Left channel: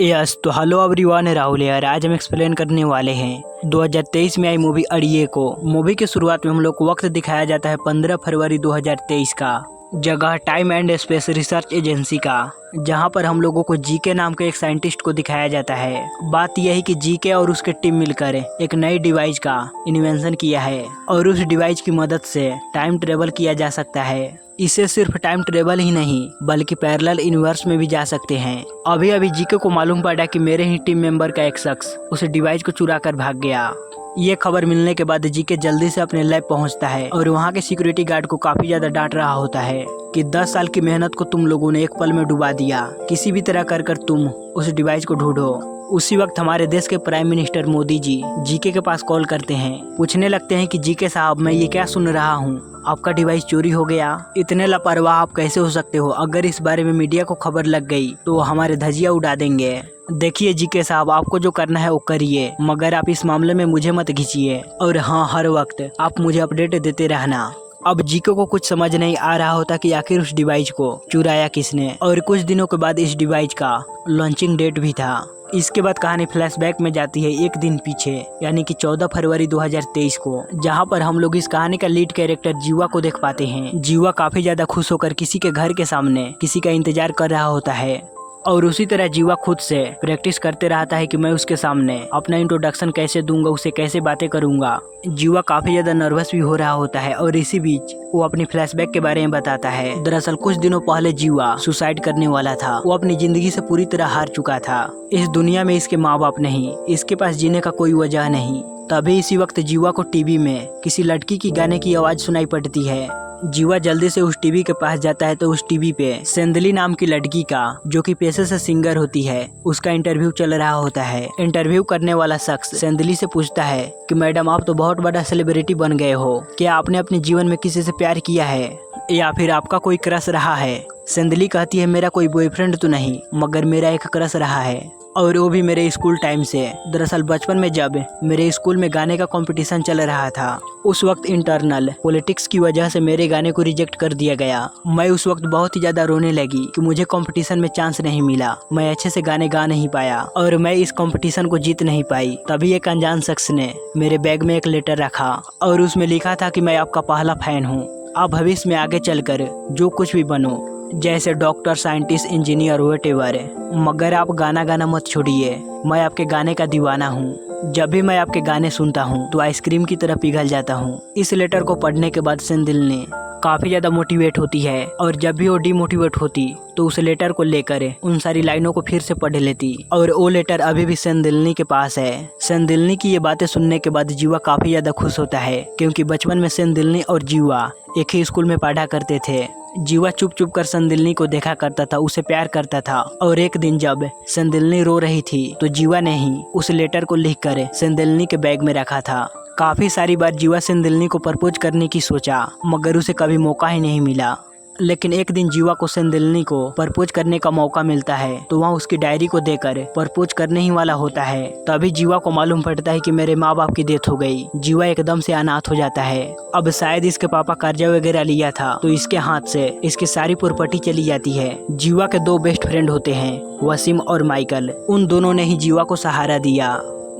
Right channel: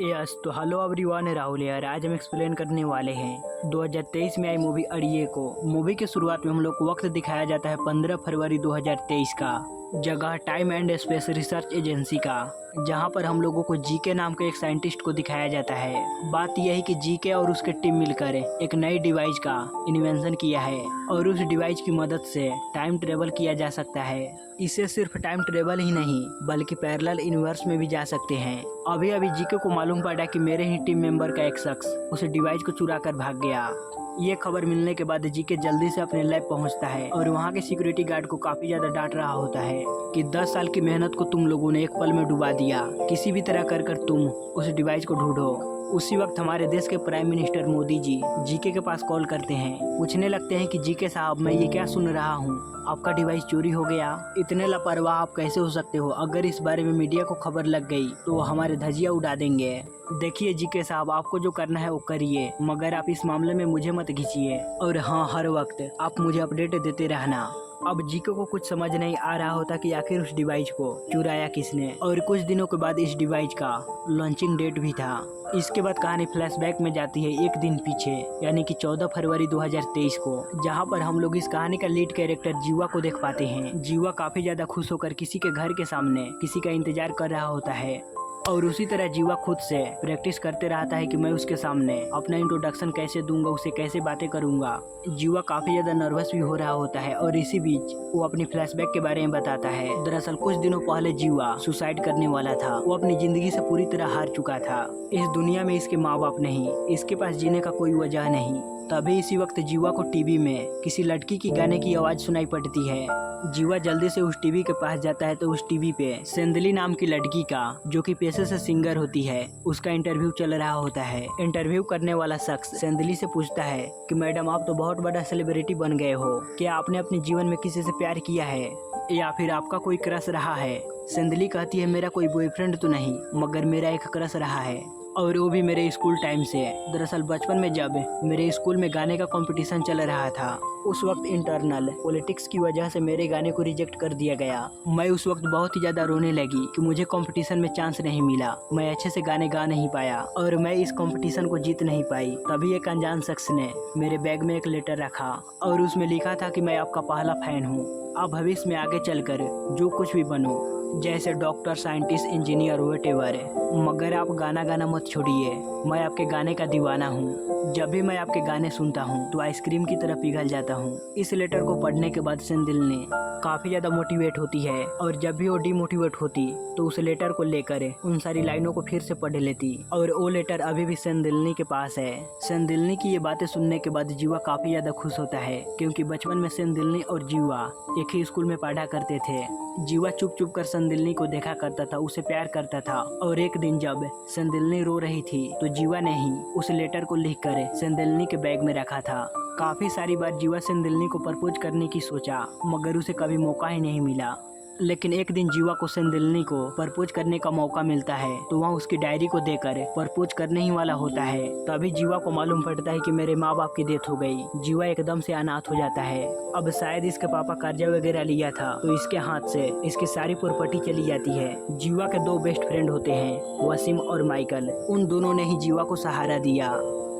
Yes तो hello everyone, Rahul यार। आज हम एक्सप्लेन करने वाले हैं 2023 में आई मूवी अड़िए को। मूवी की शुरुआत में हम लोग को वक्त दिखाया जाता है 15 फरवरी 2023 का, जगह time and space research agency का, जहां पर हम लोगों को जीके नाम के एक साइंटिस्ट को दिखाया जाता है। बात यह है कि जीके और उसके टीम मिलकर एक नई डिवाइस का इन्वेंशन किया है और उस डिवाइस की मदद से टाइम ट्रेवल किया जा सकता है। इसे सिर्फ टाइम ट्रेवल ही नहीं बल्कि पैरेलल यूनिवर्स में भी जा सकते हैं। अभी अभी जीके को मालूम पड़ा कि मेरे ही टीम मेंबर का एक शख्स उस डिवाइस को चुरा कर भाग गया। ये खबर मिलने के बाद जीके जल्दी से अपने लैब पहुंचता है और वहां के सिक्योरिटी गार्ड को काफी ज्यादा डांट रहा होता है कि 10 साल की मेहनत को तुम लोगों ने एक पल में डुबा दिया। किसी भी तरह कर तुम उस डिवाइस को ढूंढो। उसी वक्त हमारे देश के prime minister Modi ji GK के पास कॉल करते हैं। पूछने लगते हैं कि जीके साहब, मैं ये क्या सुन रहा हूँ, आपका डिवाइस चोरी हो गया। इतने लापरवाह आप कैसे हो सकते हो? अगर इस बारे में मीडिया को खबर लग गई तो हमारे धजिया उड़ा देंगे। देखिए जीके साहब, आपको जो करना है वो करिए, मगर आप इस मामले में मुझे मत खींचिए। और हाँ, हर वक्त आप मुझे अपडेट देते रहना। अब जीके को कुछ समझ नहीं आ रहा होता कि आखिर उस डिवाइस को चुराया किसने। और कुछ दिनों के बाद इस डिवाइस का लॉन्चिंग डेट भी था। इसके बाद कहानी फ्लैशबैक में जाती है एक दिन पीछे, यानी कि 14 फरवरी 2023 को, जहां पर हम लोग इस कहानी का लीड कैरेक्टर जीवा को देख पाते हैं। जीवा काफी ज्यादा खुश होकर किसी के घर के सामने किसी का इंतजार कर रहा होता है और उसी तरह जीवा खुद से प्रैक्टिस करते रहता है कि मैं उसके सामने अपना इंट्रोडक्शन कैसे दूंगा, उसे कैसे बातें करूंगा। जीवा काफी ज्यादा नर्वस भी हो रहा होता है और इसी बीच वो अपनी फ्लैशबैक के बारे में बताता है। दरअसल कुछ दिनों पहले जीवा सुसाइड करने वाला था। वो अपनी जिंदगी से पूरी तरह हार चुका था। इस दुनिया में इसके माँ बाप नहीं, इसके पास जीने का कोई वजह नहीं। तभी इसी वक्त जीवा को टीवी में किसी लड़की की गाने की आवाज सुनाई पड़ती है। जीवा जल्दी से उस टीवी के पास जाता है तो उस टीवी पे सेंदली नाम की लड़की का, जो कि पेशे से सिंगर होती है, उसका इंटरव्यू चल रहा होता है। इंटरव्यू करने वाला शख्स सेंदली से पूछता है कि मैडम, आप तो बहुत बड़ा सेलिब्रिटी बन गए हो, क्या आपने अपने जीवन में किसी से प्यार किया है या फिर आपका कोई क्रश रहा है? सेंदली कहती है, मेरा कोई बॉयफ्रेंड तो नहीं, मगर मेरा एक क्रश रहा है, और वो भी मेरे स्कूल टाइम से। दरअसल बचपन में जब मेरे स्कूल में गाने का कंपटीशन चल रहा था, उस वक्त इंटरनल पॉलिटिक्स की वजह से मेरे गाने को रिजेक्ट कर दिया गया। मैं उस वक्त बहुत ही ज्यादा रोने लगी कि मुझे कंपटीशन में चांस नहीं मिला, मैं अच्छे से गाने गा नहीं पाया और मैं इस कंपटीशन को जीत नहीं पाई। तभी एक अनजान शख्स ने मेरे बैग में एक लेटर रखा और उसमें लिखा था कि मैं आपका पहला फैन हूँ, आप भविष्य में आगे चलकर जो कुछ भी बनो, जैसे डॉक्टर, साइंटिस्ट, इंजीनियर, व्हाटएवर, मगर आप गाना गाना मत छोड़िए। मैं आपके गाने का दीवाना हूँ। जब भी मैं आपके गाने सुनता हूँ तो आइसक्रीम की तरह पिघल जाता हूँ। इस लेटर को पढ़ने के बाद सेंदिल काफी ज्यादा मोटिवेट होती है और जब भी वो डिमोटिवेट होती तो उस लेटर को लेकर उन सारी लाइनों को फिर से पढ़ लेती और वो लेटर अभी भी सेंदिलनी के पास है। सेंदिलनी की ये बातें सुनने के बाद जीवा काफी ज्यादा खुश होता है, क्योंकि बचपन में सेंदिलनी और जीवा एक ही स्कूल में पढ़ा करते थे। जीवा चुप चुप कर सेंदिलनी को देखा करता था, उसे प्यार करता था। और एक दिन जब सेंदिलनी रो रही थी तो जीवा ने ही उस लेटर को लिखकर सेंदिलनी के बैग में रखा था। काफी सारी बार जीवा सेंदिलनी को प्रपोज करने की सोचा, मगर उसे कभी मौका ही नहीं मिला। लेकिन एक दिन जीवा को सेंदिलनी को प्रपोज करने का मौका मिलता है तो वहाँ उसकी डायरी को देकर प्रपोज करने ही वाला होता है। तभी जीवा को मालूम पड़ता है कि मेरे माँ बाप की डेथ हो गई। जीवा एकदम से अनाथ हो जाता है। अब शायद इसके पापा कर्जा वगैरह लिया था तो इसके हाथ से इसकी सारी प्रॉपर्टी चली जाती है। जीवा के दो बेस्ट फ्रेंड होते हैं, वसीम और माइकल। उन दोनों ने ही जीवा को सहारा दिया,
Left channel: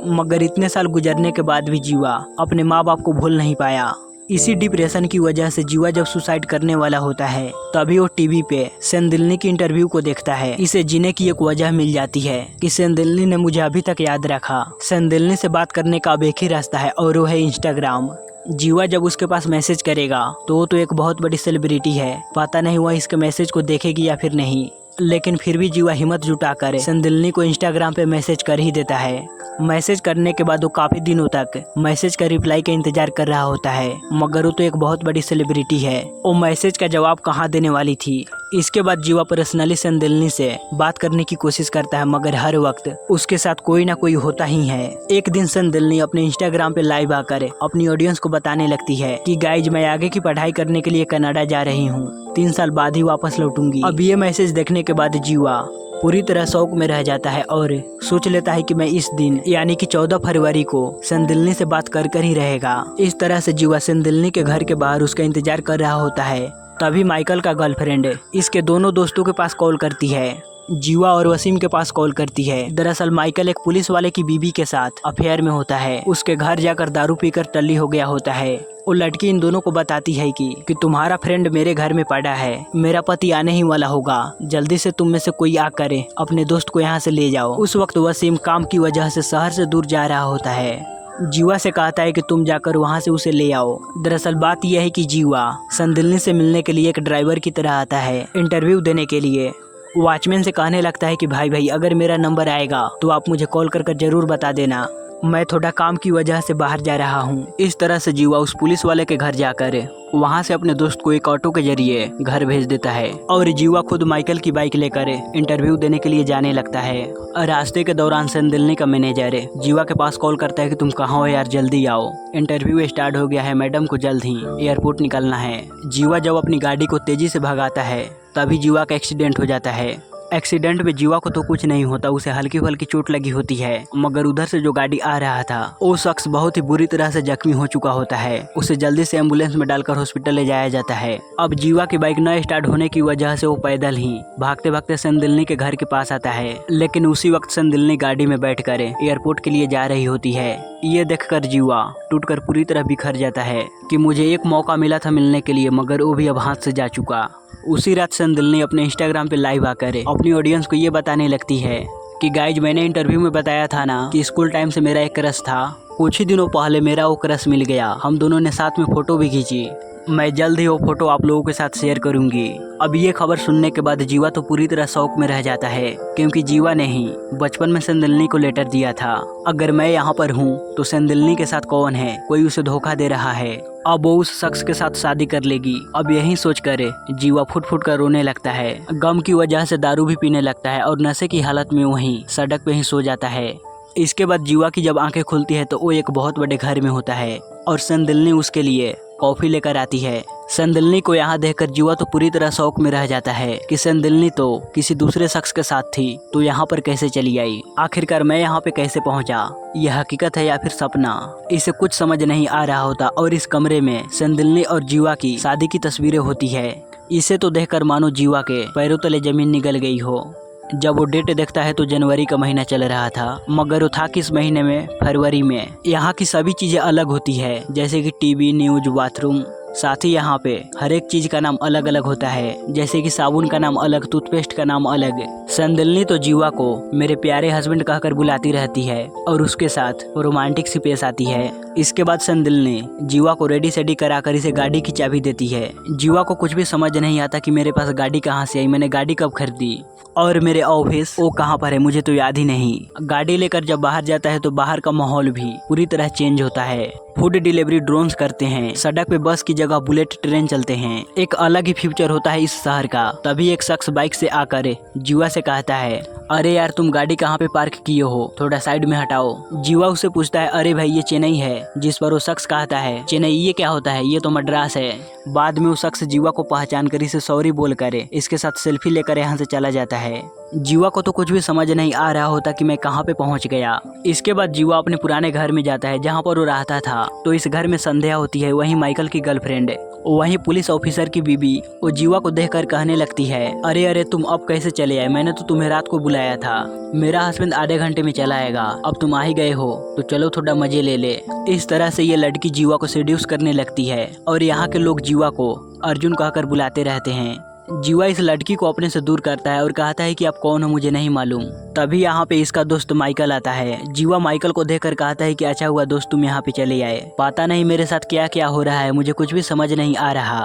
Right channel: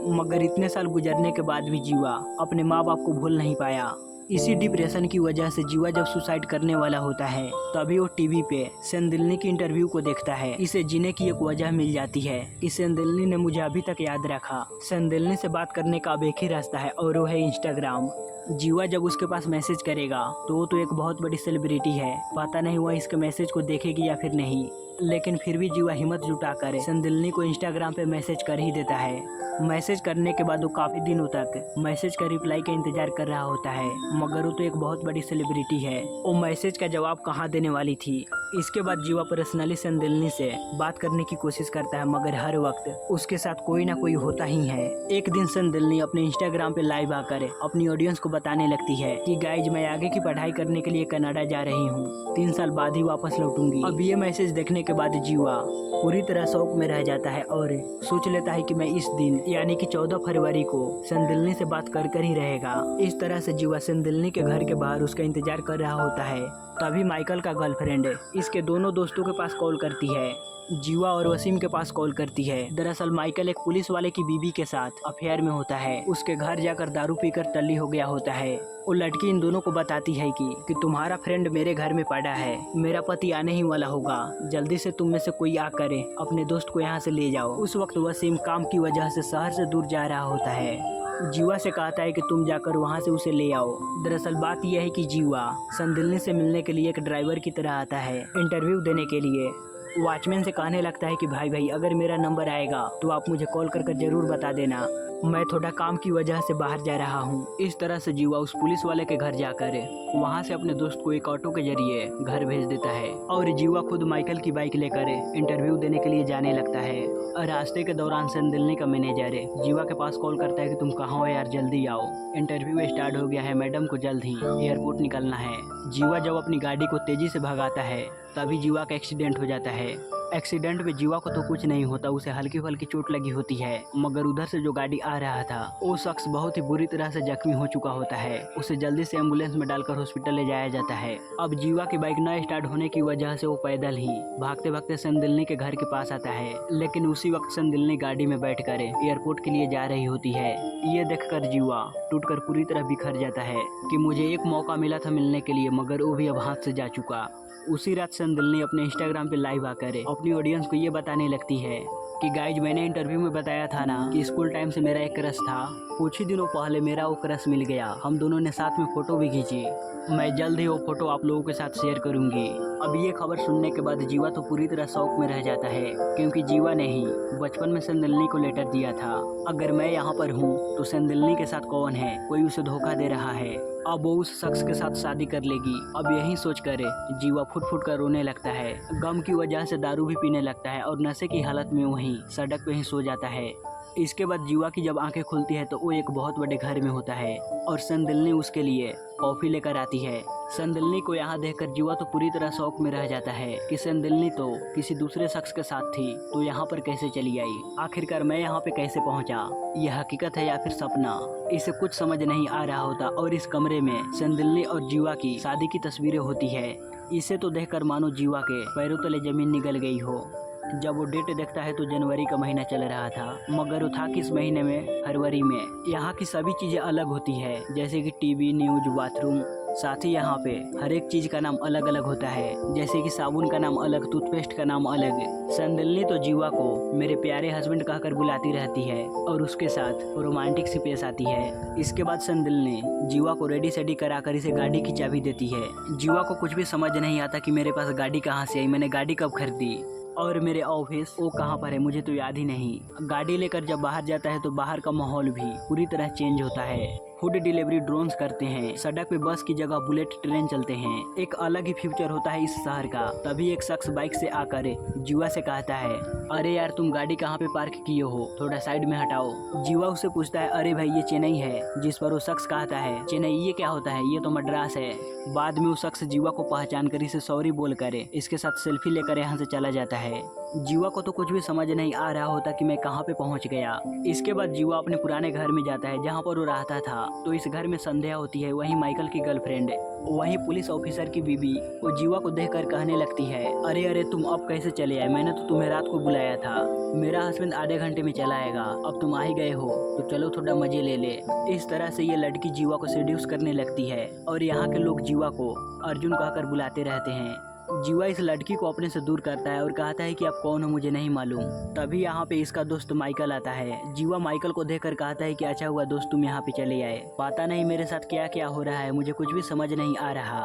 मगर इतने साल गुजरने के बाद भी जीवा अपने माँ बाप को भूल नहीं पाया। इसी डिप्रेशन की वजह से जीवा जब सुसाइड करने वाला होता है तभी वो टीवी पे सेंदिलनी की इंटरव्यू को देखता है। इसे जीने की एक वजह मिल जाती है कि सेंदिलनी ने मुझे अभी तक याद रखा। सेंदिलनी से बात करने का अब एक ही रास्ता है और वो है इंस्टाग्राम। जीवा जब उसके पास मैसेज करेगा तो वो तो एक बहुत बड़ी सेलिब्रिटी है, पता नहीं वह इसके मैसेज को देखेगी या फिर नहीं। लेकिन फिर भी जीवा हिम्मत जुटाकर सेंदिलनी को इंस्टाग्राम पे मैसेज कर ही देता है। मैसेज करने के बाद वो काफी दिनों तक मैसेज का रिप्लाई का इंतजार कर रहा होता है, मगर वो तो एक बहुत बड़ी सेलिब्रिटी है, वो मैसेज का जवाब कहाँ देने वाली थी। इसके बाद जीवा पर्सनली सेंदिलनी से बात करने की कोशिश करता है, मगर हर वक्त उसके साथ कोई ना कोई होता ही है। एक दिन सेंदिलनी अपने इंस्टाग्राम पे लाइव आकर अपनी ऑडियंस को बताने लगती है कि गाइज, मैं आगे की पढ़ाई करने के लिए कनाडा जा रही हूँ, 3 साल बाद ही वापस लौटूंगी। अब ये मैसेज देखने के बाद जीवा पूरी तरह शौक में रह जाता है और सोच लेता है कि मैं इस दिन यानी कि 14 फरवरी को सेंदिलनी से बात कर ही रहेगा। इस तरह से जीवा सेंदिलनी के घर के बाहर उसका इंतजार कर रहा होता है। तभी माइकल का गर्लफ्रेंड इसके दोनों दोस्तों के पास कॉल करती है जीवा और वसीम के पास कॉल करती है। दरअसल माइकल एक पुलिस वाले की बीबी के साथ अफेयर में होता है। उसके घर जाकर दारू पीकर टल्ली हो गया होता है। वो लड़की इन दोनों को बताती है कि तुम्हारा फ्रेंड मेरे घर में पड़ा है, मेरा पति आने ही वाला होगा, जल्दी से तुम में से कोई आ करे अपने दोस्त को यहाँ से ले जाओ। उस वक्त वसीम काम की वजह से शहर से दूर जा रहा होता है। जीवा से कहता है कि तुम जाकर वहाँ से उसे ले आओ। दरअसल बात यह है कि जीवा संदिल्ली से मिलने के लिए एक ड्राइवर की तरह आता है इंटरव्यू देने के लिए। वॉचमैन से कहने लगता है कि भाई अगर मेरा नंबर आएगा तो आप मुझे कॉल कर जरूर बता देना, मैं थोड़ा काम की वजह से बाहर जा रहा हूँ। इस तरह से जीवा उस पुलिस वाले के घर जाकर वहाँ से अपने दोस्त को एक ऑटो के जरिए घर भेज देता है और जीवा खुद माइकल की बाइक लेकर इंटरव्यू देने के लिए जाने लगता है। रास्ते के दौरान संदिल्ली का मैनेजर जीवा के पास कॉल करता है कि तुम कहाँ हो यार, जल्दी आओ, इंटरव्यू स्टार्ट हो गया है, मैडम को जल्द ही एयरपोर्ट निकलना है। जीवा जब अपनी गाड़ी को तेजी से भगाता है तभी जीवा का एक्सीडेंट हो जाता है। एक्सीडेंट में जीवा को तो कुछ नहीं होता, उसे हल्की हल्की चोट लगी होती है, मगर उधर से जो गाड़ी आ रहा था वो शख्स बहुत ही बुरी तरह से जख्मी हो चुका होता है। उसे जल्दी से एम्बुलेंस में डालकर हॉस्पिटल ले जाया जाता है। अब जीवा की बाइक न स्टार्ट होने की वजह से वो पैदल ही भागते भागते संदिल्ली के घर के पास आता है, लेकिन उसी वक्त संदिल्ली गाड़ी में बैठकर एयरपोर्ट के लिए जा रही होती है। ये देखकर जीवा टूटकर पूरी तरह बिखर जाता है कि मुझे एक मौका मिला था मिलने के लिए, मगर वो भी अब हाथ से जा चुका। उसी रात संदिल्ली अपने इंस्टाग्राम पे लाइव आकर अपनी ऑडियंस को ये बताने लगती है कि गाइज मैंने इंटरव्यू में बताया था ना कि स्कूल टाइम से मेरा एक क्रश था, कुछ ही दिनों पहले मेरा वो क्रश मिल गया, हम दोनों ने साथ में फोटो भी खींची, मैं जल्द ही वो फोटो आप लोगों के साथ शेयर करूंगी। अब ये खबर सुनने के बाद जीवा तो पूरी तरह शौक में रह जाता है, क्योंकि जीवा ने ही बचपन में संदिल्ली को लेटर दिया था, अगर मैं यहाँ पर हूँ तो संदिल्ली के साथ कौन है, कोई उसे धोखा दे रहा है, अब वो उस शख्स के साथ शादी कर लेगी। अब यही सोचकर जीवा फुट फुट कर रोने लगता है, गम की वजह से दारू भी पीने लगता है और नशे की हालत में वहीं सड़क पे ही सो जाता है। इसके बाद जीवा की जब आंखें खुलती है तो वो एक बहुत बड़े घर में होता है और संदिल्ली उसके लिए कॉफी लेकर आती है। संदिल्ली को यहाँ देखकर जीवा तो पूरी तरह शौक में रह जाता है कि संदिल्ली तो किसी दूसरे शख्स के साथ थी तो यहाँ पर कैसे चली आई, आखिरकार मैं यहाँ पे कैसे पहुँचा, यह हकीकत है या फिर सपना, इसे कुछ समझ नहीं आ रहा होता। और इस कमरे में संदिल्ली और जीवा की शादी की तस्वीरें होती है। इसे तो देखकर मानो जीवा के पैरों तले जमीन निकल गई हो। जब वो डेट देखता है तो जनवरी का महीना चल रहा था, मगर वो था किस महीने में, फरवरी में। यहाँ की सभी चीजें अलग होती है, जैसे कि टीवी, न्यूज, बाथरूम, साथ ही यहाँ पे हर एक चीज का नाम अलग अलग होता है, जैसे कि साबुन का नाम अलग, टूथपेस्ट का नाम अलग। संदिल्ली तो जीवा को मेरे प्यारे हस्बैंड कहकर बुलाती रहती है और उसके साथ रोमांटिक सी पेश आती है। इसके बाद संदिल्ली जीवा को रेडी सेडी कराकर इसे गाड़ी की चाबी देती है। जीवा को कुछ भी समझ नहीं आता कि मेरे पास गाड़ी कहाँ से आई, मैंने गाड़ी कब खरीदी और मेरे ऑफिस वो कहाँ पर है, मुझे तो याद ही नहीं। गाड़ी लेकर जब बाहर जाता है तो बाहर का माहौल भी पूरी तरह चेंज होता है। फूड डिलीवरी ड्रोन्स करते हैं, सड़क पे बस की जगह बुलेट ट्रेन चलते हैं, एक अलग ही फ्यूचर होता है इस शहर का। तभी एक शख्स बाइक से आकर जीवा से कहता है, अरे यार तुम गाड़ी कहाँ पे पार्क किए हो, थोड़ा साइड में हटाओ। जीवा उससे पूछता है, अरे भाई ये चेन्नई है, जिस पर वो शख्स कहता है, चेन्नई ये क्या होता है, ये तो मद्रास है। बाद में वो शख्स जीवा को पहचान कर इसे सॉरी बोल कर इसके साथ सेल्फी लेकर यहाँ से चला जाता है। जीवा को तो कुछ भी समझ नहीं आ रहा होता कि मैं कहाँ पे पहुँच गया। इसके बाद जीवा अपने पुराने घर में जाता है जहाँ पर वो रहता था। तो इस घर में संध्या होती है, वहीं माइकल की गर्लफ्रेंड, वहीं पुलिस ऑफिसर की बीबी वो जीवा को देखकर कहने लगती है, अरे अरे तुम अब कैसे चले आए, मैंने तो तुम्हें रात को बुलाया था, मेरा हस्बैंड आधे घंटे में चला आएगा, अब तुम आ ही गए हो तो चलो थोड़ा मजे ले ले। इस तरह से ये लड़की जीवा को सेड्यूस करने लगती है और यहाँ के लोग जीवा को अर्जुन कहकर बुलाते रहते हैं। जीवा इस लड़की को अपने से दूर करता है और कहता है कि आप कौन हो मुझे नहीं मालूम। तभी यहाँ पे इसका दोस्त माइकल आता है। जीवा माइकल को देखकर कहता है कि अच्छा हुआ दोस्त तुम यहाँ पे चले आए, पता नहीं मेरे साथ क्या क्या हो रहा है, मुझे कुछ भी समझ नहीं आ रहा,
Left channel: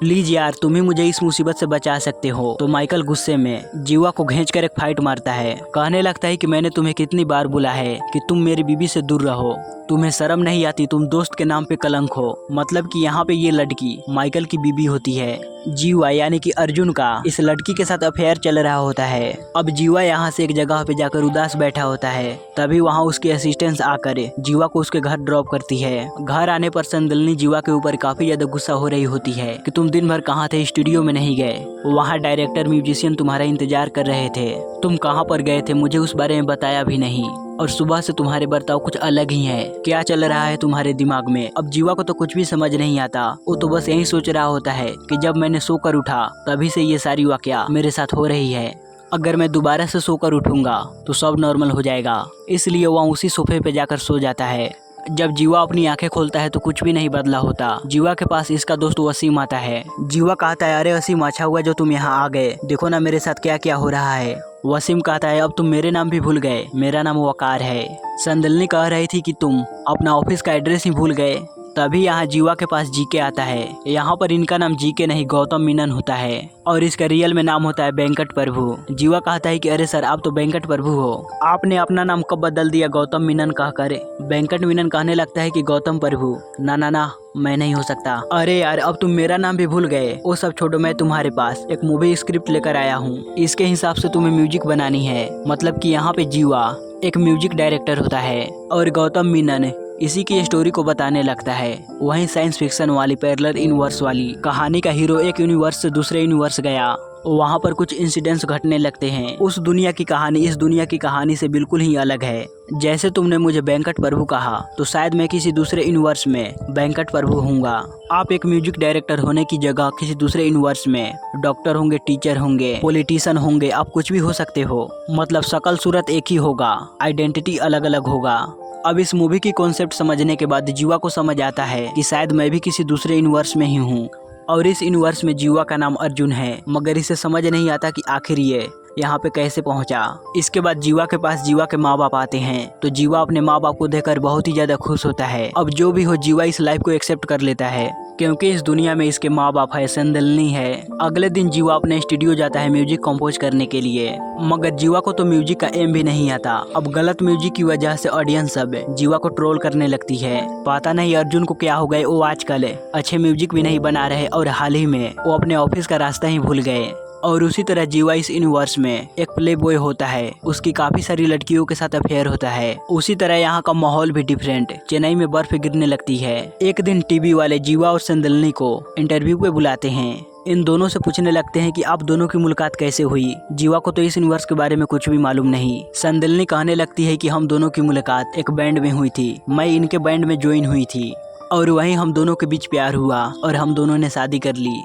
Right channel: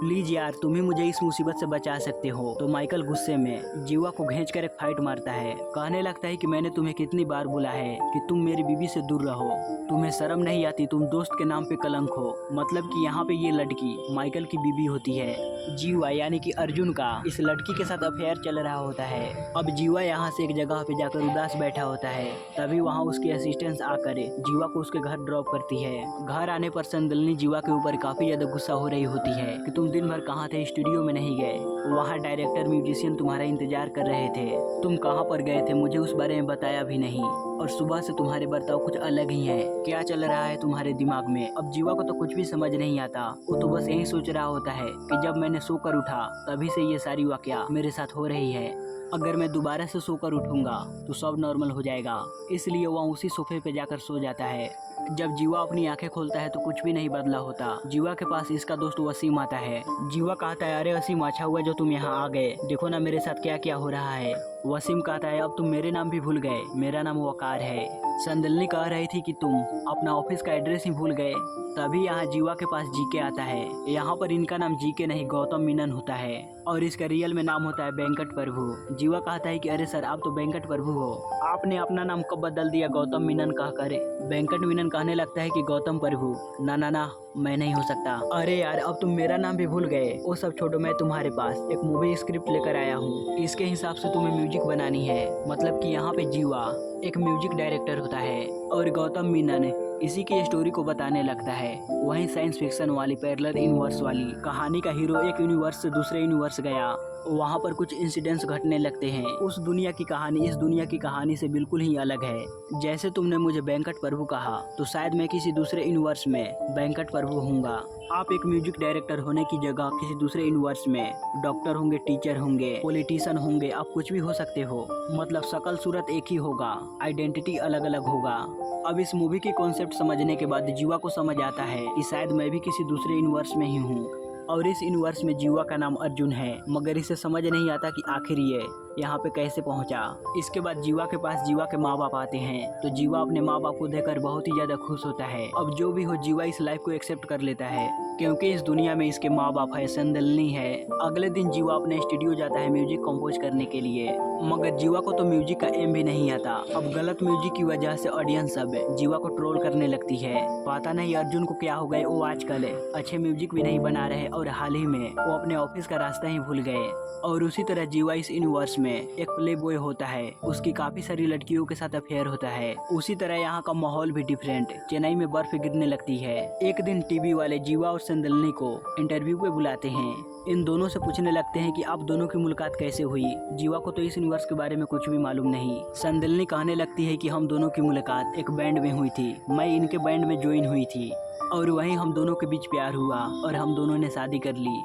प्लीज यार तुम ही मुझे इस मुसीबत से बचा सकते हो। तो माइकल गुस्से में जीवा को खींचकर एक फाइट मारता है, कहने लगता है कि मैंने तुम्हें कितनी बार बोला है कि तुम मेरी बीबी से दूर रहो, तुम्हें शर्म नहीं आती, तुम दोस्त के नाम पे कलंक हो। मतलब कि यहाँ पे ये लड़की माइकल की बीबी होती है। जीवा यानी कि अर्जुन का इस लड़की के साथ अफेयर चल रहा होता है। अब जीवा यहाँ से एक जगह पे जाकर उदास बैठा होता है, तभी वहाँ उसकी असिस्टेंट आकर जीवा को उसके घर ड्रॉप करती है। घर आने पर संदिल्ली जीवा के ऊपर काफी ज्यादा गुस्सा हो रही होती है कि तुम दिन भर कहाँ थे, स्टूडियो में नहीं गए, वहाँ डायरेक्टर म्यूजिशियन तुम्हारा इंतजार कर रहे थे, तुम कहाँ पर गए थे, मुझे उस बारे में बताया भी नहीं, और सुबह से तुम्हारे बर्ताव कुछ अलग ही है, क्या चल रहा है तुम्हारे दिमाग में। अब जीवा को तो कुछ भी समझ नहीं आता, वो तो बस यही सोच रहा होता है कि जब मैंने सोकर उठा तभी से ये सारी वाकया मेरे साथ हो रही है। अगर मैं दोबारा से सोकर उठूंगा तो सब नॉर्मल हो जाएगा। इसलिए वह उसी सोफे पे जाकर सो जाता है। जब जीवा अपनी आंखें खोलता है तो कुछ भी नहीं बदला होता। जीवा के पास इसका दोस्त वसीम आता है। जीवा कहता है, अरे वसीम, अच्छा हुआ जो तुम यहाँ आ गए, देखो ना मेरे साथ क्या क्या हो रहा है। वसीम कहता है, अब तुम मेरे नाम भी भूल गए, मेरा नाम वकार है। संदलनी कह रही थी कि तुम अपना ऑफिस का एड्रेस ही भूल गए। तभी यहाँ जीवा के पास जीके आता है। यहाँ पर इनका नाम जीके नहीं गौतम मीनन होता है और इसका रियल में नाम होता है वेंकट प्रभु। जीवा कहता है कि अरे सर, आप तो वेंकट प्रभु हो, आपने अपना नाम कब बदल दिया गौतम मीनन कहकर। वेंकट मीनन कहने लगता है कि गौतम प्रभु, ना ना ना, मैं नहीं हो सकता। अरे यार, अब तुम मेरा नाम भी भूल गए। वो सब छोड़ो, मैं तुम्हारे पास एक मूवी स्क्रिप्ट लेकर आया हूँ। इसके हिसाब से तुम्हें म्यूजिक बनानी है। मतलब कि यहाँ पे जीवा एक म्यूजिक डायरेक्टर होता है और गौतम मीनन इसी की स्टोरी को बताने लगता है। वहीं साइंस फिक्शन वाली पैरेलल यूनिवर्स वाली कहानी का हीरो एक यूनिवर्स से दूसरे यूनिवर्स गया। वहाँ पर कुछ इंसिडेंट्स घटने लगते हैं। उस दुनिया की कहानी इस दुनिया की कहानी से बिल्कुल ही अलग है। जैसे तुमने मुझे वेंकट प्रभु कहा, तो शायद मैं किसी दूसरे यूनिवर्स में वेंकट प्रभु होऊंगा। आप एक म्यूजिक डायरेक्टर होने की जगह किसी दूसरे यूनिवर्स में डॉक्टर होंगे, टीचर होंगे, पॉलिटिशियन होंगे, आप कुछ भी हो सकते हो। मतलब शकल सूरत एक ही होगा, आइडेंटिटी अलग अलग होगा। अब इस मूवी की कॉन्सेप्ट समझने के बाद जीवा को समझ आता है कि शायद मैं भी किसी दूसरे यूनिवर्स में ही हूँ और इस यूनिवर्स में जीवा का नाम अर्जुन है। मगर इसे समझ नहीं आता कि आखिर ये यहाँ पे कैसे पहुँचा। इसके बाद जीवा के पास जीवा के माँ बाप आते हैं तो जीवा अपने माँ बाप को देखकर बहुत ही ज्यादा खुश होता है। अब जो भी हो, जीवा इस लाइफ को एक्सेप्ट कर लेता है क्योंकि इस दुनिया में इसके माँ बाप है, संदलनी है। अगले दिन जीवा अपने स्टूडियो जाता है म्यूजिक कंपोज करने के लिए। मगर जीवा को तो म्यूजिक का एम भी नहीं आता। अब गलत म्यूजिक की वजह से ऑडियंस सब जीवा को ट्रोल करने लगती है। पता नहीं अर्जुन को क्या हो गए, वो आजकल अच्छे म्यूजिक भी नहीं बना रहे और हाल ही में वो अपने ऑफिस का रास्ता ही भूल गए। और उसी तरह जीवा इस यूनिवर्स में एक प्ले बॉय होता है, उसकी काफी सारी लड़कियों के साथ अफेयर होता है। उसी तरह यहाँ का माहौल भी डिफरेंट। चेन्नई में बर्फ गिरने लगती है। एक दिन टीवी वाले जीवा और संदलनी को इंटरव्यू पे बुलाते हैं। इन दोनों से पूछने लगते हैं कि आप दोनों की मुलाकात कैसे हुई। जीवा को तो इस यूनिवर्स के बारे में कुछ भी मालूम नहीं। संदलनी कहने लगती है कि हम दोनों की मुलाकात एक बैंड में हुई थी, मैं इनके बैंड में ज्वाइन हुई थी और वहीं हम दोनों के बीच प्यार हुआ और हम दोनों ने शादी कर ली।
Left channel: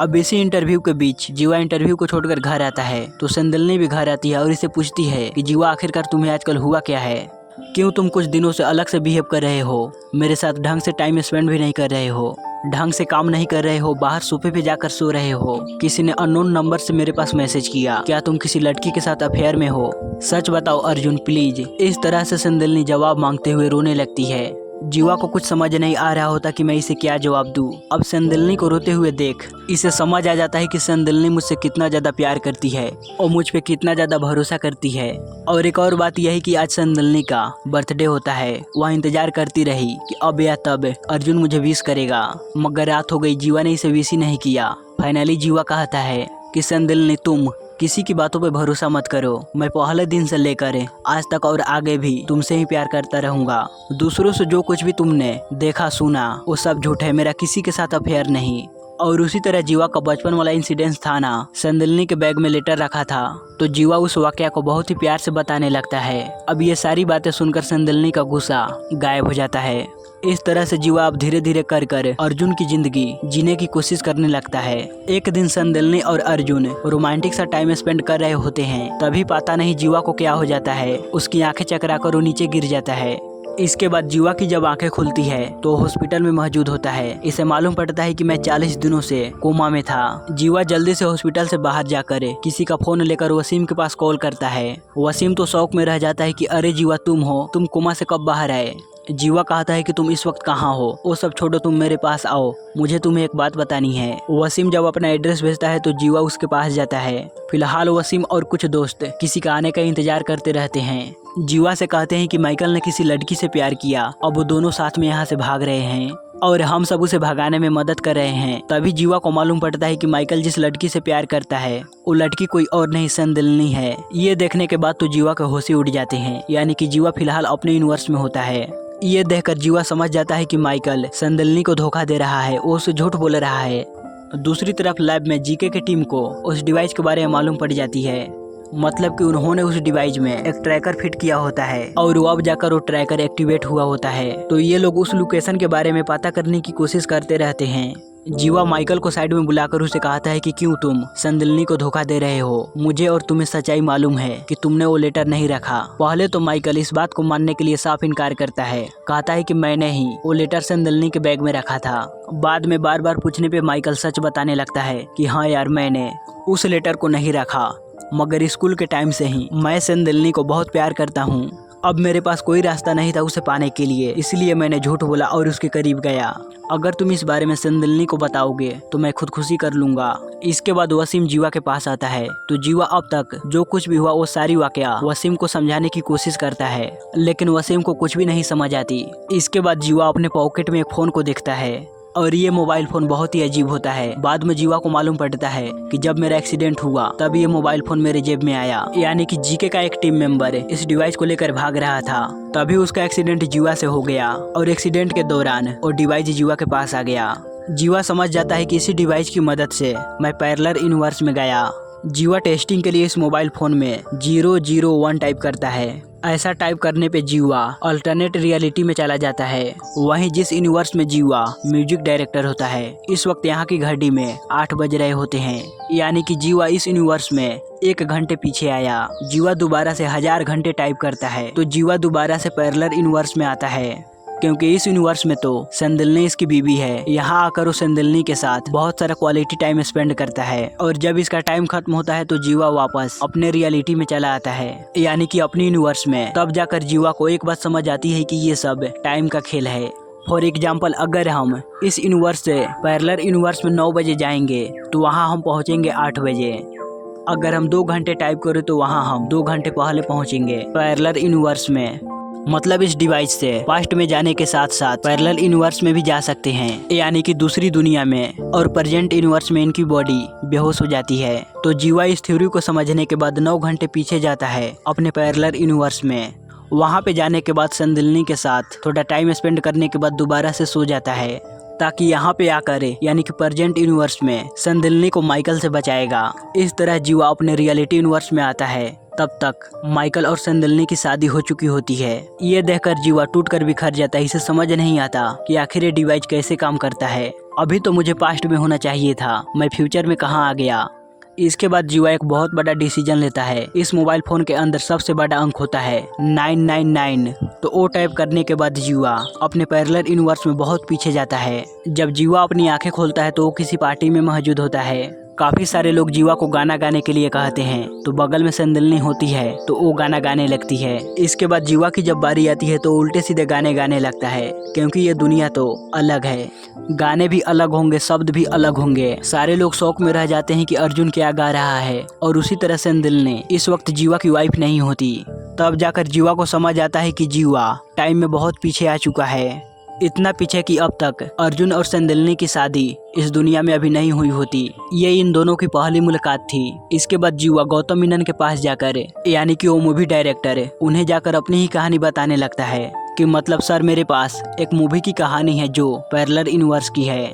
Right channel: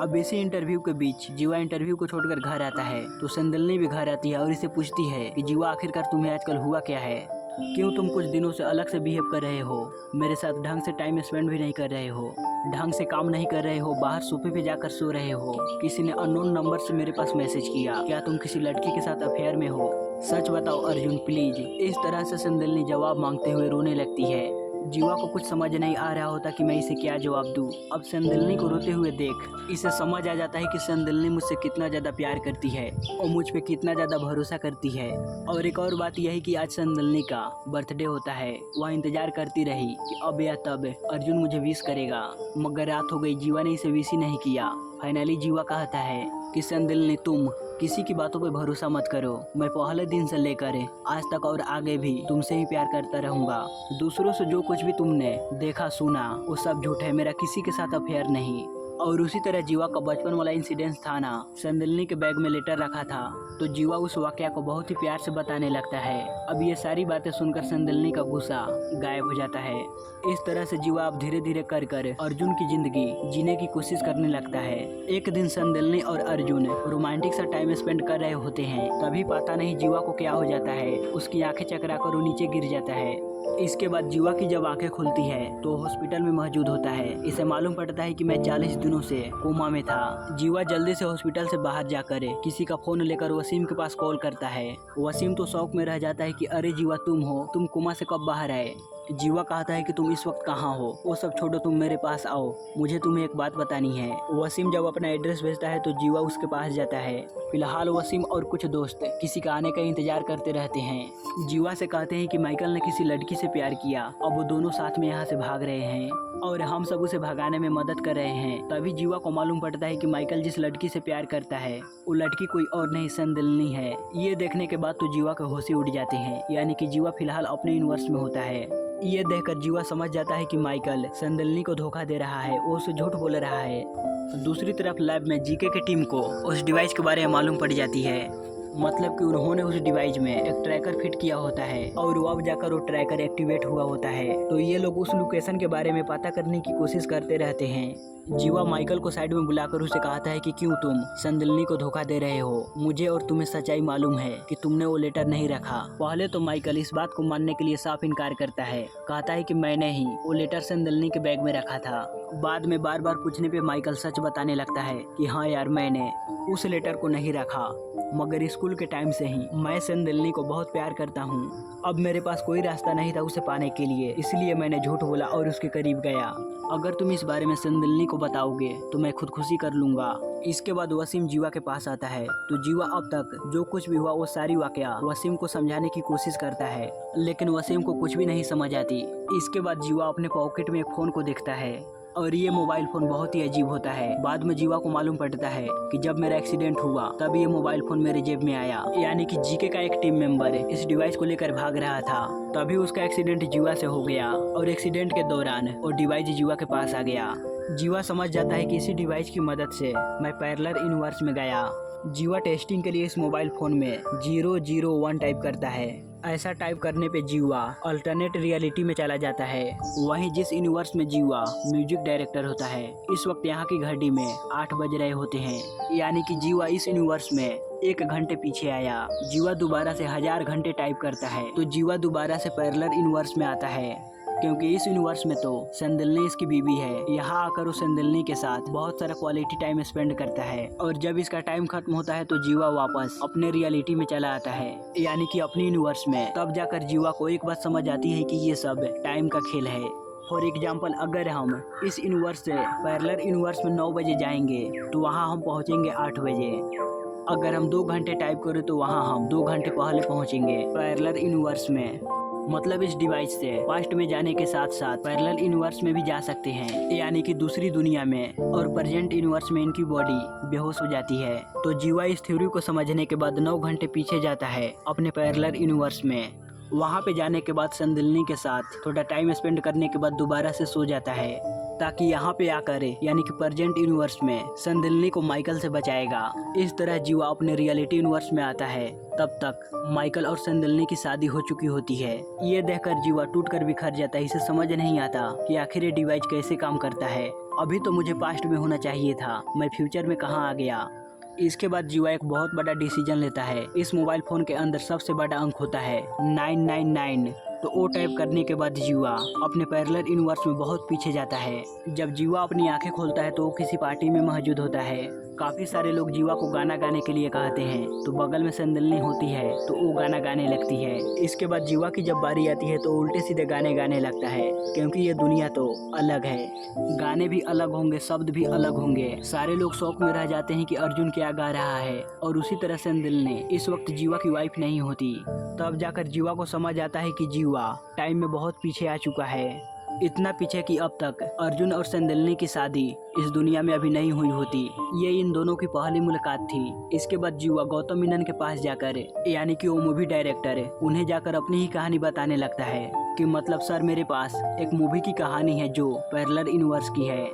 अब इसी इंटरव्यू के बीच जीवा इंटरव्यू को छोड़कर घर आता है तो संदलनी भी घर आती है और इसे पूछती है कि जीवा, आखिरकार तुम्हें आजकल हुआ क्या है? क्यों तुम कुछ दिनों से अलग से बिहेव कर रहे हो? मेरे साथ ढंग से टाइम स्पेंड भी नहीं कर रहे हो, ढंग से काम नहीं कर रहे हो, बाहर सोफे पे जाकर सो रहे हो। किसी ने अननोन नंबर से मेरे पास मैसेज किया, क्या तुम किसी लड़की के साथ अफेयर में हो? सच बताओ अर्जुन प्लीज। इस तरह से संदलनी जवाब मांगते हुए रोने लगती है। जीवा को कुछ समझ नहीं आ रहा होता कि मैं इसे क्या जवाब दूं। अब संदलनी को रोते हुए देख इसे समझ आ जाता है कि संदलनी मुझसे कितना ज्यादा प्यार करती है और मुझ पे कितना ज्यादा भरोसा करती है। और एक और बात यह है कि आज संदलनी का बर्थडे होता है। वह इंतजार करती रही कि अब या तब अर्जुन मुझे विश करेगा, मगर रात हो गई, जीवा ने इसे विश ही नहीं किया। फाइनली जीवा कहता है कि संदलनी, तुम किसी की बातों पे भरोसा मत करो। मैं पहले दिन से लेकर आज तक और आगे भी तुमसे ही प्यार करता रहूंगा। दूसरों से जो कुछ भी तुमने देखा सुना वो सब झूठ है, मेरा किसी के साथ अफेयर नहीं। और उसी तरह जीवा का बचपन वाला इंसिडेंस था ना, संदलनी के बैग में लेटर रखा था तो जीवा उस वाकया को बहुत ही प्यार से बताने लगता है। अब ये सारी बातें सुनकर संदलनी का गुस्सा गायब हो जाता है। इस तरह से जीवा अब धीरे धीरे कर कर अर्जुन की जिंदगी जीने की कोशिश करने लगता है। एक दिन संदलनी और अर्जुन रोमांटिक सा टाइम स्पेंड कर रहे होते हैं, तभी पता नहीं जीवा को क्या हो जाता है, उसकी आंखें चकरा कर वो नीचे गिर जाता है। इसके बाद जीवा की जब आंखें खुलती है तो हॉस्पिटल में मौजूद होता है। इसे मालूम पड़ता है कि मैं 40 दिनों से कोमा में था। जीवा जल्दी से हॉस्पिटल से बाहर जाकर किसी का फोन लेकर वसीम के पास कॉल करता है। वसीम तो शौक में रह जाता है कि अरे जीवा, तुम हो, तुम कोमा से कब बाहर आए? जीवा कहता है कि तुम इस वक्त कहाँ हो? वो सब छोड़ो, तुम मेरे पास आओ, मुझे तुम्हें एक बात बतानी है। वसीम जब अपना एड्रेस भेजता है तो जीवा उसके पास जाता है। फिलहाल वसीम और कुछ दोस्त किसी का आने का इंतजार करते रहते हैं। जीवा से कहते हैं कि माइकल ने किसी लड़की से प्यार किया, अब वो दोनों साथ में यहाँ से भाग रहे हैं और हम सब उसे भगाने में मदद कर रहे हैं। तभी जीवा को मालूम पड़ता है कि माइकल जिस लड़की से प्यार करता है वो लड़की कोई और नहीं, संदलनी है। ये देखने के बाद तो जीवा के होश ही उड़ जाते हैं, यानी कि जीवा फिलहाल अपने यूनिवर्स में होता है। ये देखकर जीवा समझ जाता है कि माइकल संदलनी को धोखा दे रहा है, वो उसे झूठ बोल रहा है। दूसरी तरफ लैब में जीके की टीम को उस डिवाइस के बारे में मालूम पड़ जाती है। मतलब कि उन्होंने उस डिवाइस में एक ट्रैकर फिट किया होता है और अब जाकर वो ट्रैकर एक्टिवेट हुआ होता है। तो ये लोग उस लोकेशन के बारे में पता करने की कोशिश करते रहते हैं। जीवा माइकल को साइड में बुलाकर उसे कहता है कि क्यों तुम संदिल्नी को धोखा दे रहे हो। मुझे और तुम्हें सच्चाई मालूम है कि तुमने वो लेटर नहीं रखा। पहले तो माइकल इस बात को मानने के लिए साफ इनकार करता है, कहता है कि मैंने ही वो लेटर संदिल्नी के बैग में रखा था। बाद में बार बार पूछने पे माइकल सच बताने लगता है कि हाँ यार, मैंने उस लेटर को नहीं रखा, मगर स्कूल के टाइम से ही मैं संदिल्नी को बहुत प्यार करता हूँ। अब मेरे पास कोई रास्ता नहीं था उसे पाने के लिए, इसलिए मैंने झूठ बोला और उसके करीब गया। अगर तुम इस बारे में संदिल्नी को बताओगे तो मैं खुदकुशी कर लूंगा। इसके बाद वसीम जीवा के पास आता है तो जीवा अब तक जो कुछ भी हुआ वो सारी वाकया वसीम को समझाने की कोशिश करता है, लेकिन वसीम को कुछ भी नहीं समझ आती। इसके बाद जीवा अपने पॉकेट में एक फोन को देखता है और ये मोबाइल फोन बहुत ही अजीब होता है। बाद में जीवा को मालूम पड़ता है कि जब मेरा एक्सीडेंट हुआ तब ये मोबाइल फोन मेरे जेब में आया, यानी कि जीके का एक टीम मेंबर इस डिवाइस को लेकर भाग रहा था। तभी उसका एक्सीडेंट जीवा से हो गया और एक्सीडेंट के दौरान वो डिवाइस जीवा के पास आ गया। जीवा समझ जाता है कि इसी डिवाइस की मदद से मैं पैरेलल यूनिवर्स में गया। जीवा टेस्टिंग के लिए इस मोबाइल फोन में 001 टाइप करता है। ऐसा टाइप करने पे जीवा अल्टरनेट रियलिटी में चला जाता है, वहीं जिस यूनिवर्स में जीवा म्यूजिक डायरेक्टर होता है। इस वक्त यहाँ की घड़ी में 8 बज रहे होते हैं, यानी कि जीवा इस यूनिवर्स में 1 घंटे पीछे आया। जीवा दोबारा से 1000 घंटे टाइप करता है तो जीवा दोबारा से पैरेलल यूनिवर्स में आता है, क्योंकि इस यूनिवर्स में तो संदिल्नी इसकी बीवी है। यहाँ आकर वो संदिल्नी के साथ बहुत सारा क्वालिटी टाइम स्पेंड करता है और जब इसका टाइम खत्म होता है तो जीवा वापस अपने रियलिटी में चला आता है, यानी कि अपने यूनिवर्स में। तब जाकर जीवा को एक बात समझ आती है कि ये सब टाइम का खेल है। फॉर एग्जाम्पल, अगर हम इस यूनिवर्स से पैरेलल यूनिवर्स में 9 बजे जाएंगे तो वहाँ हम पहुँचेंगे 8 बजे। अगर हम 2 घंटे टाइप करें तो वहाँ हम 2 घंटे पहले पहुँचेंगे पैरेलल यूनिवर्स में। मतलब इस डिवाइस से पास्ट में जाने के साथ साथ पैरेलल यूनिवर्स में भी जा सकते हैं, यानी कि दूसरी दुनिया में। और प्रेजेंट यूनिवर्स में इनकी बॉडी बेहोश हो जाती है। तो जीवा इस थ्योरी को समझने के बाद 9 घंटे पीछे जाता है अपने पैरेलल यूनिवर्स में। वहाँ पे जाने के बाद संदिल्नी के साथ थोड़ा टाइम स्पेंड करने के बाद दोबारा से सो जाता है, ताकि यहाँ पे आकर यानी कि प्रेजेंट यूनिवर्स में संदिल्नी को माइकल से बचाएगा। इस तरह जीवा अपने रियलिटी यूनिवर्स में आता है। तब तक माइकल और संदिल्नी की शादी हो चुकी होती है। ये देखकर जीवा टूटकर बिखर जाता है। इसे समझ नहीं आता कि आखिर ये डिवाइस कैसे काम करता है। अभी तो मुझे पास्ट में होना चाहिए था, मैं फ्यूचर में कहाँ आ गया। इसके बाद जीवा एक बहुत बड़ा डिसीजन लेता है। इस मोबाइल फोन के अंदर सबसे बड़ा अंक होता है 999। तो वो टाइप करने के बाद जीवा अपने पैरेलल यूनिवर्स में बहुत पीछे जाता है। जब जीवा अपनी आंखें खोलता है तो वो किसी पार्टी में मौजूद होता है। काफी सारे लोग जीवा को गाना गाने के लिए कहते हैं, तो बगल में संदिल्नी होती है तो वो गाना गाने लगती है। इसके बाद जीवा की जब बारी आती है तो उल्टे सीधे गाने गाने लगता है, क्योंकि ये दुनिया तो अलग है। गाने भी अलग होंगे, शब्द भी अलग होंगे। सारे लोग शौक में रह जाते हैं कि अर्जुन क्या गा रहा है। और उसी तरह संदिल्नी इस वक्त जीवा की वाइफ नहीं होती। तब जाकर जीवा को समझ आता है कि जीवा टाइम में बहुत पीछे आ चुका है। इतना पीछे कि अब तक अर्जुन और संदिल्नी की शादी इस दुनिया में अभी नहीं हुई होती। ये इन दोनों की पहली मुलाकात थी। इसके बाद जीवा गौतम मेनन के पास जाकर, यानी कि वो मूवी डायरेक्टर, उन्हें जाकर अपनी ही कहानी बताने लगता है कि मतलब सर, मेरे पास एक मूवी की कहानी है जो पैरेलल यूनिवर्स की है।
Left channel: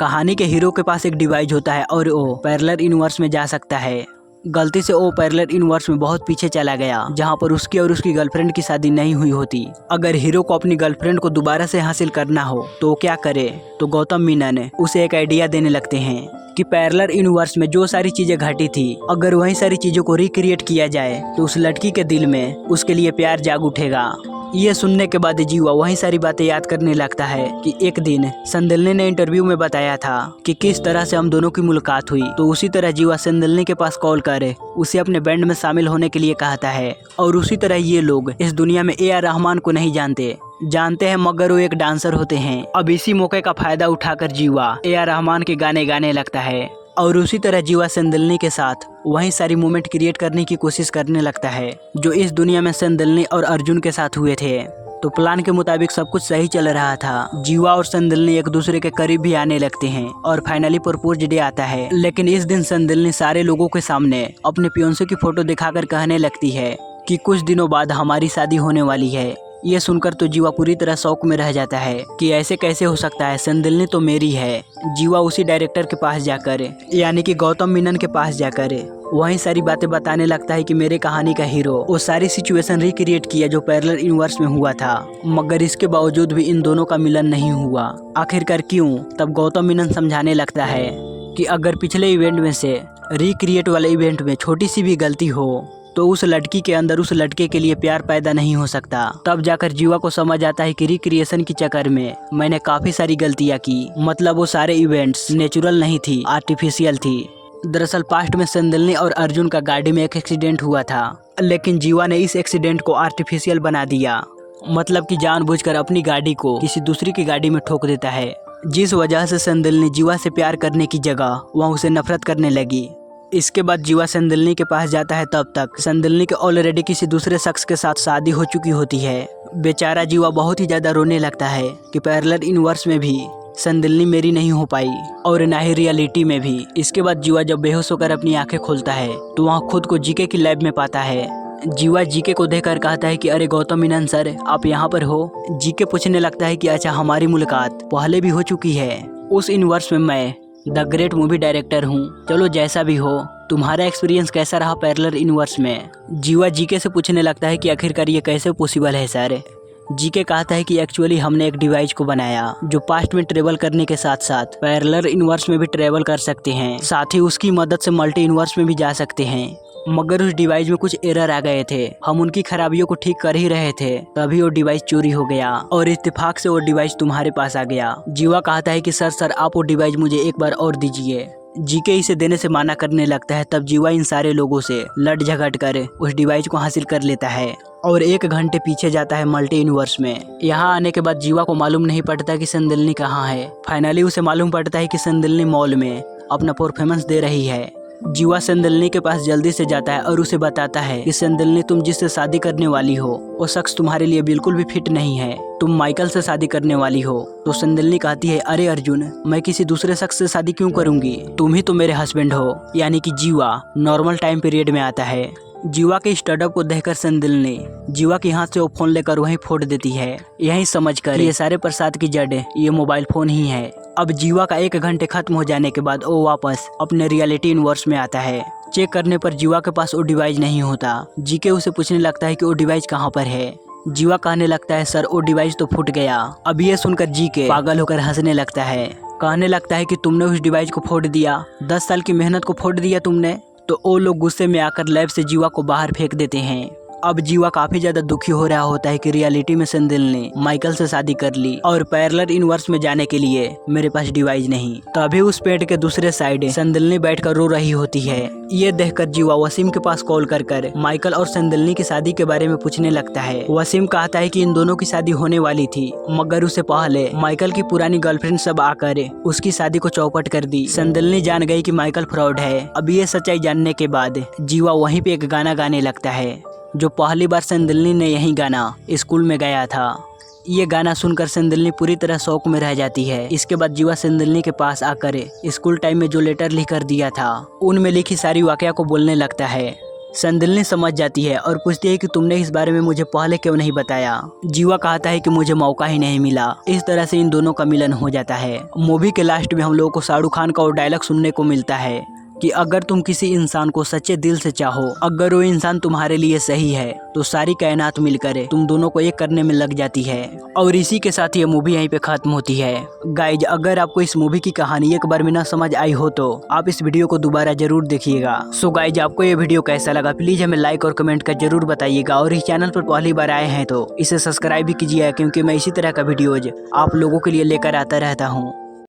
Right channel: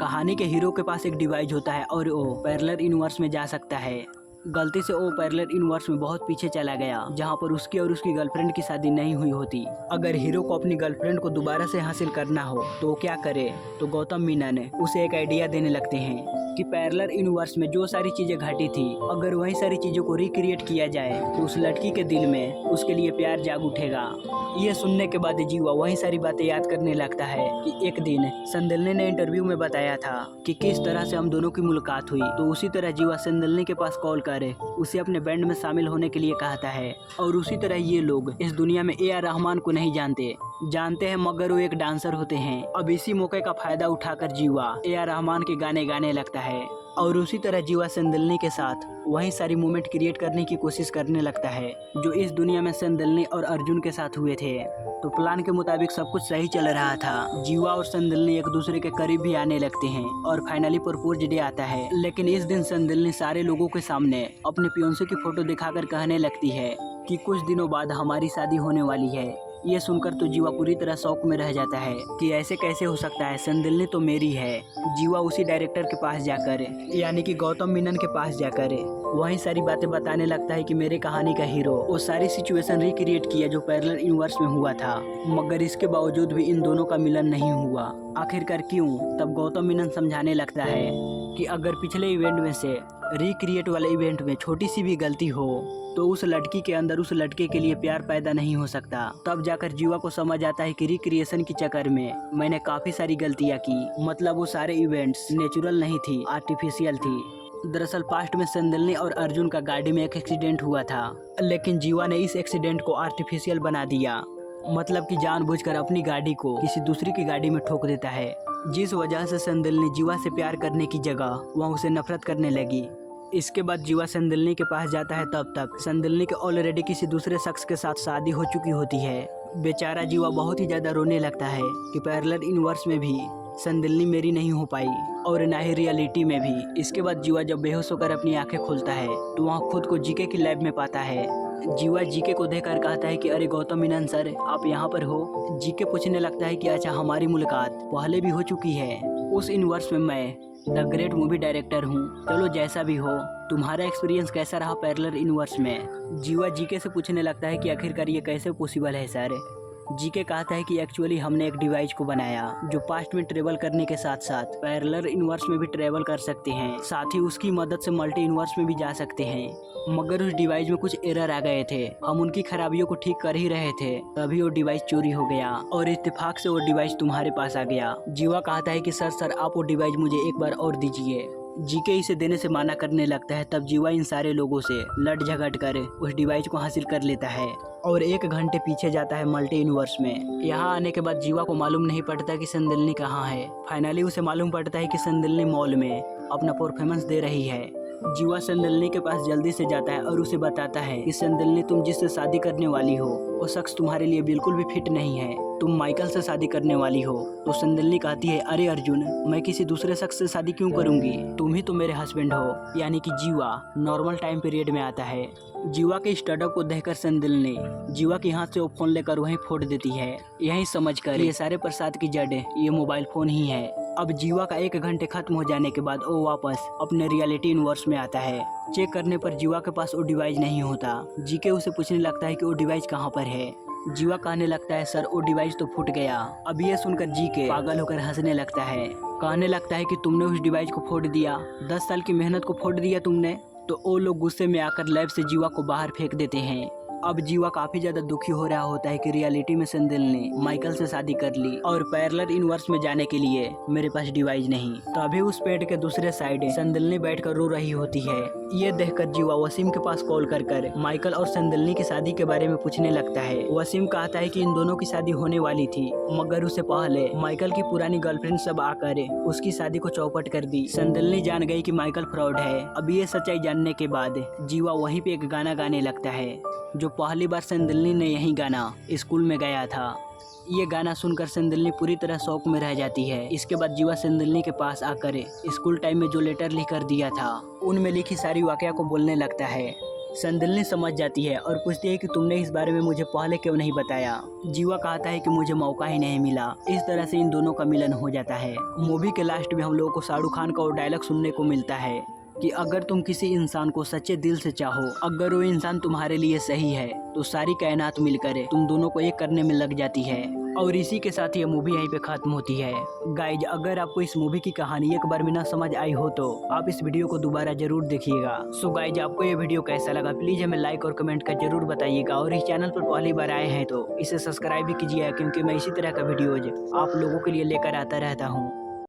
कहानी के हीरो के पास एक डिवाइस होता है और वो पैरेलल यूनिवर्स में जा सकता है। गलती से वो पैरेलल यूनिवर्स में बहुत पीछे चला गया, जहाँ पर उसकी और उसकी गर्लफ्रेंड की शादी नहीं हुई होती। अगर हीरो को अपनी गर्लफ्रेंड को दोबारा से हासिल करना हो तो वो क्या करे, तो गौतम मेनन उसे एक आइडिया देने लगते हैं कि पैरेलल यूनिवर्स में जो सारी चीजें घटी थी, अगर वही सारी चीजों को रिक्रिएट किया जाए तो उस लड़की के दिल में उसके लिए प्यार जाग उठेगा। ये सुनने के बाद जीवा वही सारी बातें याद करने लगता है कि एक दिन संदिल्नी ने इंटरव्यू में बताया था कि किस तरह से हम दोनों की मुलाकात हुई। तो उसी तरह जीवा संदिल्नी के पास कॉल कर उसे अपने बैंड में शामिल होने के लिए कहता है। और उसी तरह ये लोग इस दुनिया में ए आर रहमान को नहीं जानते हैं, मगर वो एक डांसर होते हैं। अब इसी मौके का फायदा उठाकर जीवा ए आर रहमान के गाने गाने लगता है। और उसी तरह जीवा संदिल्नी के साथ वही सारी मोमेंट क्रिएट करने की कोशिश करने लगता है जो इस दुनिया में संदिल्नी और अर्जुन के साथ हुए थे। तो प्लान के मुताबिक सब कुछ सही चल रहा था। जीवा और संदिल्नी एक दूसरे के करीब भी आने लगते हैं और फाइनली प्रपोज डे आता है। लेकिन इस दिन संदिल्नी सारे लोगों के सामने अपने फियांसे की फोटो दिखाकर कहने लगती है कि कुछ दिनों बाद हमारी शादी होने वाली है। ये सुनकर तो जीवा पूरी तरह शौक में रह जाता है कि ऐसे कैसे हो सकता है, संदिल्नी तो मेरी है। जीवा उसी डायरेक्टर के पास जाकर, यानी कि गौतम मेनन के पास जाकर वही सारी बातें बताने लगता है कि मेरे कहानी का हीरो वो सारी सिचुएशन रिक्रिएट किया जो पैरेलल यूनिवर्स में हुआ था, मगर इसके बावजूद भी इन दोनों का मिलन नहीं हुआ। आखिरकार क्यों? तब गौतम मेनन समझाने लगता है कि अगर पिछले इवेंट में से रिक्रिएट वाले इवेंट में छोटी सी भी गलती हो तो उस लड़की के अंदर उस लड़के के लिए प्यार पैदा नहीं हो सकता। तब जाकर जीवा को समझ आता है कि रिक्रिएशन के चक्कर में मैंने काफी सारी गलतियां की, मतलब वो सारे इवेंट्स नेचुरल नहीं थी, आर्टिफिशियल थी। दरअसल पास्ट में संदलनी और अर्जुन का गाड़ी में एक एक्सीडेंट हुआ था, लेकिन जीवा ने इस एक्सीडेंट को आर्टिफिशियल बना दिया, मतलब कि जानबूझकर अपनी गाड़ी को किसी दूसरी की गाड़ी में ठोक देता है, जिस वजह से संदलनी जीवा से प्यार करने की जगह वह उसे नफरत करने लगी। इसके बाद जीवा संदलनी के पास जाता है, तब तक संदलनी के ऑलरेडी किसी दूसरे शख्स के साथ शादी हो चुकी होती है। बेचारा जीवा बहुत ही ज्यादा रोने लगता है कि पैरेलल यूनिवर्स में भी संदलनी मेरी नहीं हो पाई और ना ही रियलिटी में भी। इसके बाद जीवा जब बेहोश होकर अपनी आंखें खोलता है तो वहाँ खुद को जीके की लैब में पाता है। जीवा जीके को देखकर कहता है कि अरे गौतम मेनन सर, आप यहाँ पर हो? जीके पूछने लगता है कि अच्छा, हमारी मुलाकात पहले भी हो चुकी है। उस यूनिवर्स में मैं द ग्रेट मूवी डायरेक्टर हूँ। चलो जैसा भी हो, तुम्हारा एक्सपीरियंस कैसा रहा पैरेलल यूनिवर्स में? जीवा जीके से पूछने लगता है कि आखिरकार ये कैसे पॉसिबल है सर? जीके कहता है कि एक्चुअली हमने एक डिवाइस को बनाया जो पास्ट में ट्रेवल करने के साथ साथ पैरेलल यूनिवर्स में भी ट्रेवल कर सकते हैं, साथ ही उसकी मदद से मल्टी यूनिवर्स में भी जा सकते हैं। मगर उस डिवाइस में कुछ एरर आ गए थे, हम उनकी खराबियों को ठीक कर ही रहे थे, तभी वो डिवाइस चोरी हो गया और इत्तेफाक से वो डिवाइस तुम्हारे पास आ गया। जीवा कहता है कि सर आप वो डिवाइस मुझे एक बार और दीजिए। जीके इसे देने से माना करने लगता है। तब जीवा इन सारे लोगों से लड़ झगड़ कर उस डिवाइस को हासिल कर लेता है और 1 घंटे पीछे जाता है मल्टी यूनिवर्स में। यहाँ आने के बाद जीवा को मालूम नहीं पड़ता कि संदलनी कहाँ है। फाइनली उसे मालूम पड़ता है कि संदलनी मॉल में अपना परफॉर्मेंस दे रही है। जीवा संदलनी के पास जल्दी से जाता है और उसे बताता है कि संदलनी, तुम जिससे शादी करने वाली हो वो शख्स तुम्हारे लिए बिल्कुल भी फिट नहीं है, तुम माइकल से शादी करने वाली हो। तो संदलनी कहती है, अरे अर्जुन, मैं किसी दूसरे शख्स से शादी क्यों करूंगी, तुम ही तो मेरे हस्बैंड हो। यानी कि जीवा नॉर्मल टाइम पीरियड में आता है। जीवा के स्टार्टअप को देखकर संदलनी जीवा के हाथ से वो फोन लेकर वहीं फोड़ देती है, यही समझकर ये सारे प्रसाद की जड़ ये मोबाइल फोन ही है। अब जीवा का 1 घंटे खत्म हो जाने के बाद वो वापस अपने रियलिटी यूनिवर्स में आता है। चेक करने पर जीवा के पास वो डिवाइस नहीं होता। जीके उसे पूछने लगता है कि वो डिवाइस कहाँ पर है। जीवा कहने लगता है, सर वो डिवाइस तो फूट गया। अब ये सुनकर जीके पागल होकर हंसने लगता है, कहने लगता है कि तुमने उस डिवाइस को फोड़ दिया, 10 साल की मेहनत को फोड़ दिया तुमने। तो वो लोग गुस्से में आकर लैब से जीवा को बाहर फेंक देते हैं। अब जीवा काफी ज्यादा दुखी हो रहा होता है कि रियलिटी में संदलनी ने माइकल से शादी कर ली और पैरेलल यूनिवर्स में जाने के लिए मेरे पास डिवाइस नहीं। तभी उस पेड़ के दूसरे साइड संदलनी बैठकर रो रही होती है। ये देखकर जीवा वसीम के पास कॉल कर माइकल और संदलनी की शादी के बारे में पूछने लगता है। वसीम कहता है कि इन दोनों की शादी होने वाली थी, मगर उससे पहले माइकल की पुरानी गर्लफ्रेंड सब आकर उसकी शादी को चौपट कर दी। संदलनी जान गई कि माइकल फ्रॉड है। अब ये सच्चाई जानने के बाद जीवा वहीं पे एक गाना गाने लगता है जो पहली बार संदलनी ने यही गाना स्कूल में गाया था। ये गाना सुनकर संदलनी पूरी तरह शौक में रह जाती है। इसके बाद जीवा संदलनी के पास आकर स्कूल टाइम में जो लेटर लिख कर दिया था उनमें लिखी सारी वाकया को बोलने लगता है। संदलनी समझ जाती है और पूछती है कि तुमने इस बारे में मुझे पहले क्यों नहीं बताया। जीवा कहता है कि मुझे मौका ही नहीं मिला। इस तरह से इन दोनों का मिलन हो जाता है। मूवी के लास्ट में हम लोगों को शाहरुख खान का वो डायलॉग सुनने को मिलता है कि अगर तुम किसी इंसान को सच्चे दिल से चाहो, अगर वो इंसान तुम्हारे लिए सही है, तो सारी कायनात मिलकर तुम दोनों को एक करने में लग जाती है। और इसी के साथ ये मूवी यहीं पे खत्म होती है। गाइज, अगर आपको इस मूवी की कहानी एक बार में न समझ आई हो तो आप इस वीडियो को दोबारा जरूर देखिएगा। सो गाइज, आपको ये वीडियो कैसा लगा प्लीज हमें लाइक और कमेंट कर जरूर बताइएगा। और इस चैनल पर पहली बार आए हैं तो इसे सब्सक्राइब भी कीजिए, क्योंकि मैं इसी तरह का वीडियोज आप लोगों के लिए लेकर आता रहता हूँ।